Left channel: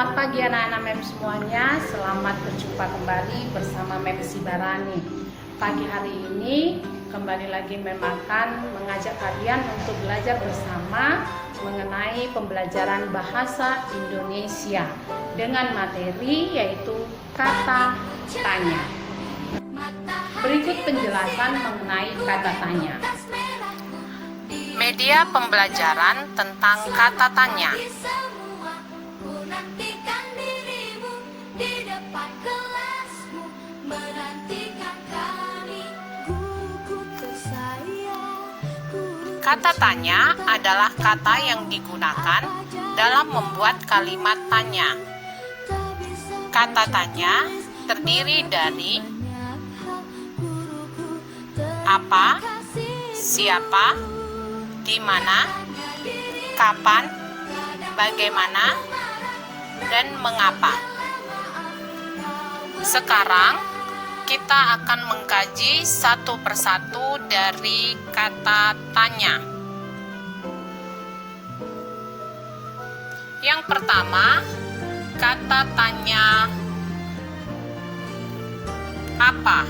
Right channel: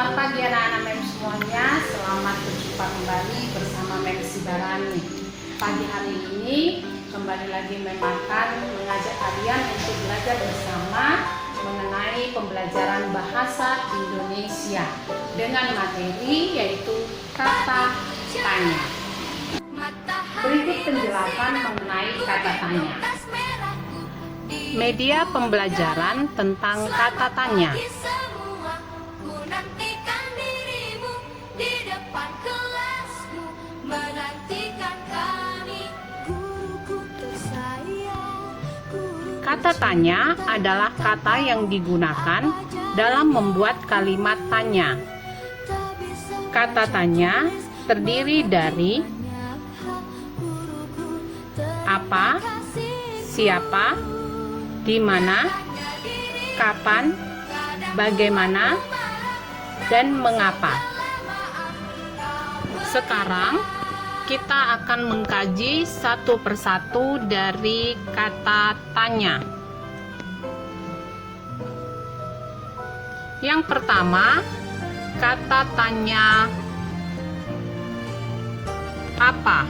Selamat pagi anak-anak MEM semuanya. Selamat berjumpa kembali bersama MEM Sibarani. Pagi hari ini kembali lagi MEM akan mengajak kalian untuk belajar bersama mengenai pembelajaran bahasa Indonesia dengan materi yaitu kata tanya. Berikut penjelasan mengenai kata tanya. Media pembelajaran tentang kata tanya. Kata tanya adalah kata yang digunakan dalam membuat kalimat tanya. Kata tanya terdiri dari apa, siapa, di mana, kapan, bagaimana, dan mengapa. Sekarang kita akan mengkaji satu persatu dari kata tanya. Yang pertama, kata tanya apa.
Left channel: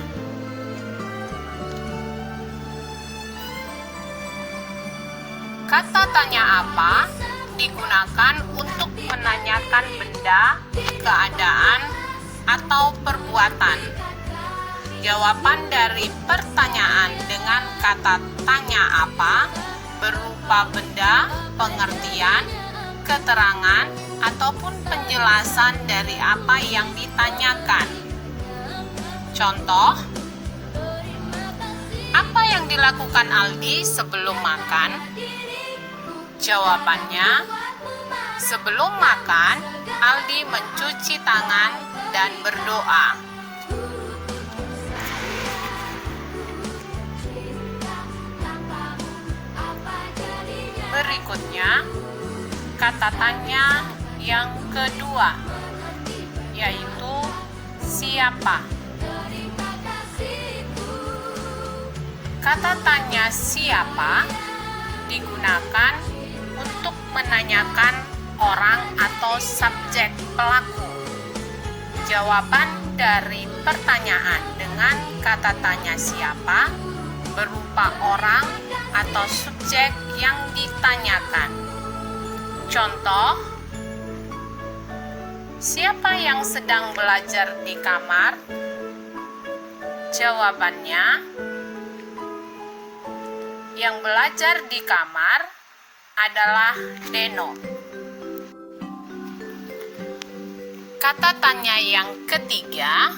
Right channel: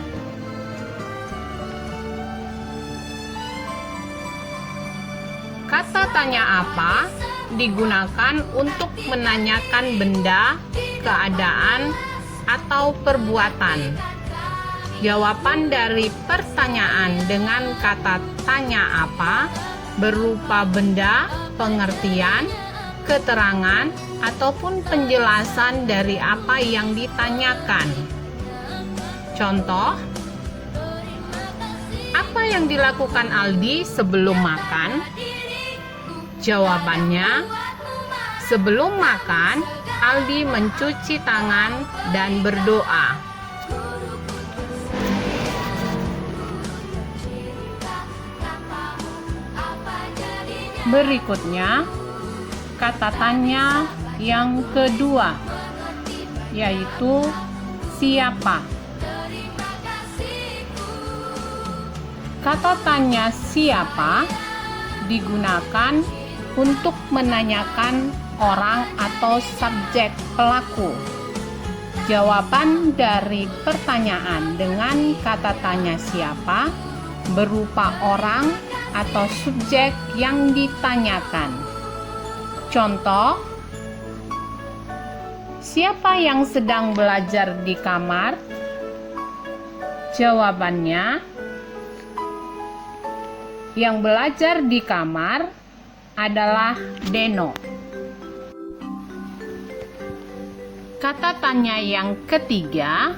Kata tanya apa digunakan untuk menanyakan benda, keadaan, atau perbuatan. Jawaban dari pertanyaan dengan kata tanya apa berupa benda, pengertian, keterangan, ataupun penjelasan dari apa yang ditanyakan. Contoh, apa yang dilakukan Aldi sebelum makan? Jawabannya, sebelum makan, Aldi mencuci tangan dan berdoa. Berikutnya, kata tanya yang kedua, yaitu siapa. Kata tanya siapa digunakan untuk menanyakan orang atau subjek pelaku. Jawaban dari pertanyaan dengan kata tanya siapa berupa orang atau subjek yang ditanyakan. Contoh, siapa yang sedang belajar di kamar? Jawabannya, yang belajar di kamar adalah Deno. Kata tanya yang ketiga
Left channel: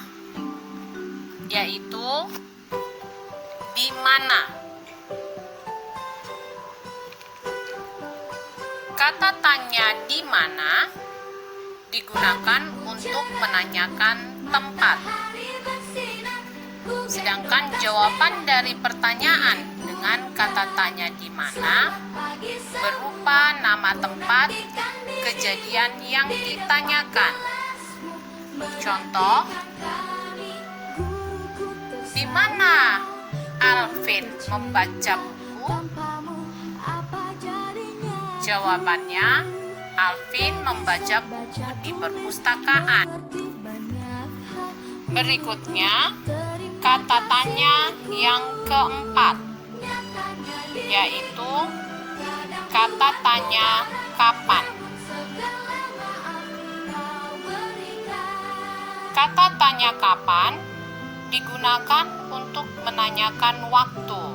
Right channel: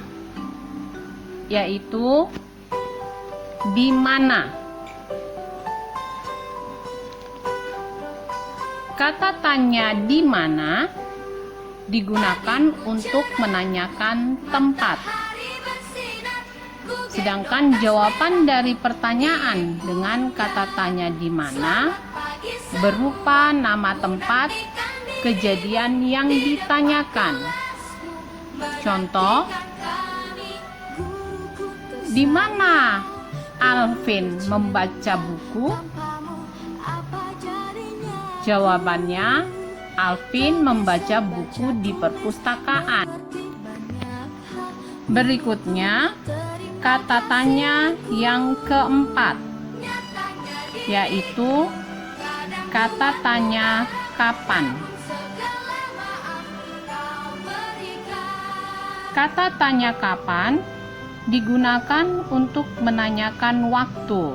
yaitu di mana. Kata tanya di mana digunakan untuk menanyakan tempat. Sedangkan jawaban dari pertanyaan dengan kata tanya di mana berupa nama tempat kejadian yang ditanyakan. Contoh, di mana Alvin membaca buku? Jawabannya, Alvin membaca buku di perpustakaan. Berikutnya, kata tanya yang keempat, yaitu kata tanya kapan. Kata tanya kapan digunakan untuk menanyakan waktu.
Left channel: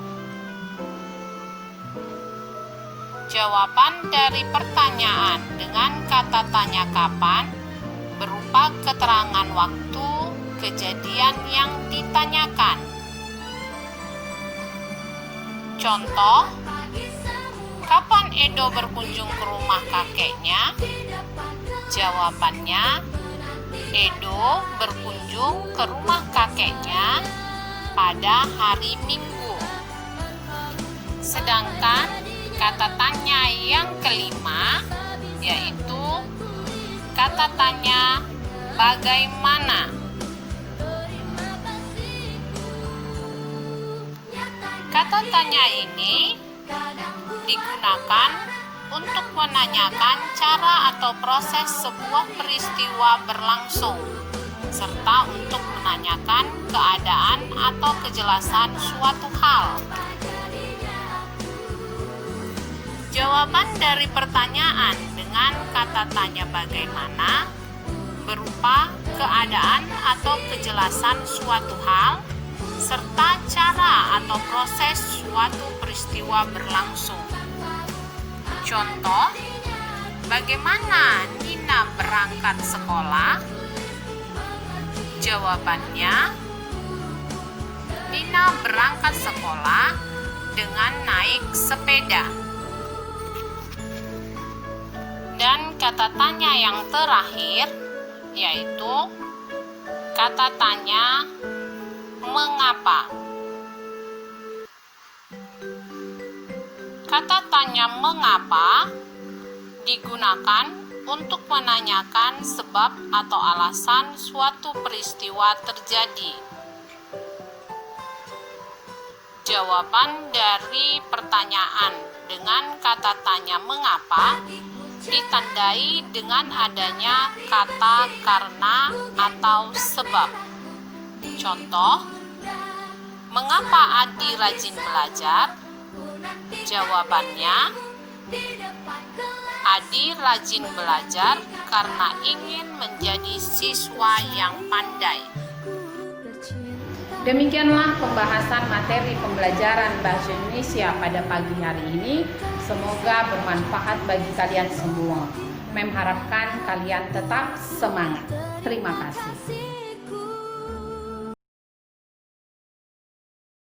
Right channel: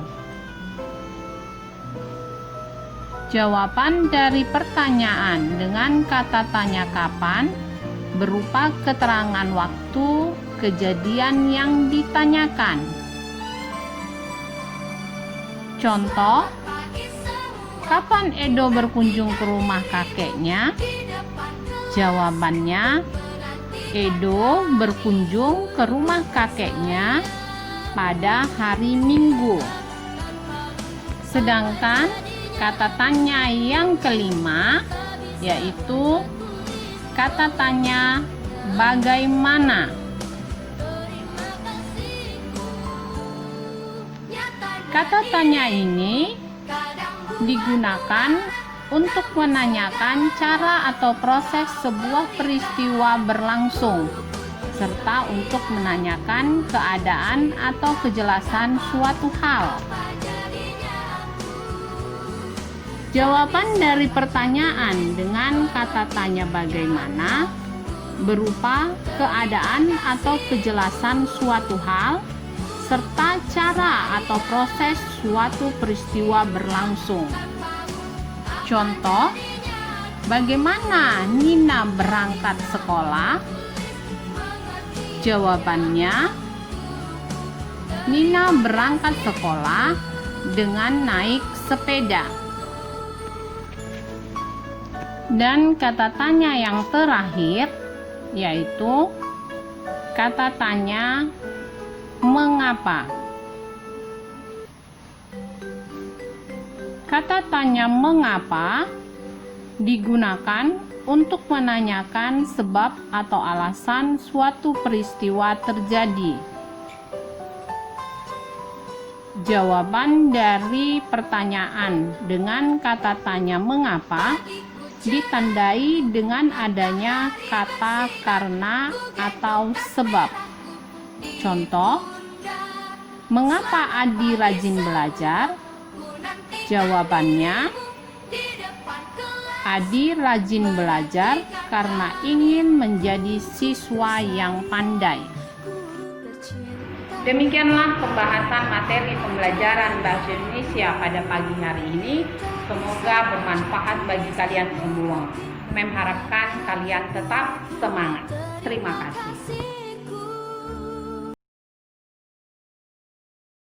Jawaban dari pertanyaan dengan kata tanya kapan berupa keterangan waktu kejadian yang ditanyakan. Contoh, kapan Edo berkunjung ke rumah kakeknya? Jawabannya, Edo berkunjung ke rumah kakeknya pada hari Minggu. Sedangkan kata tanya yang kelima yaitu kata tanya bagaimana. Kata tanya ini digunakan untuk menanyakan cara atau proses sebuah peristiwa berlangsung, serta untuk menanyakan keadaan atau kejelasan suatu hal. Jawaban dari pertanyaan dengan kata tanya bagaimana berupa keadaan atau kejelasan suatu hal, serta cara atau proses suatu peristiwa berlangsung. Contoh, bagaimana Nina berangkat sekolah? Jawabannya, Nina berangkat sekolah dengan naik sepeda. Dan kata tanya yang terakhir yaitu kata tanya mengapa. Kata tanya mengapa digunakan untuk menanyakan sebab atau alasan suatu peristiwa terjadi. Jawaban dari pertanyaan dengan kata tanya mengapa ditandai dengan adanya kata karena atau sebab. Contoh, mengapa Adi rajin belajar? Jawabannya, Adi rajin belajar karena ingin menjadi siswa yang pandai. Demikianlah pembahasan materi pembelajaran Bahasa Indonesia pada pagi hari ini. Semoga bermanfaat bagi kalian semua. Mem harapkan kalian tetap semangat. Terima kasih.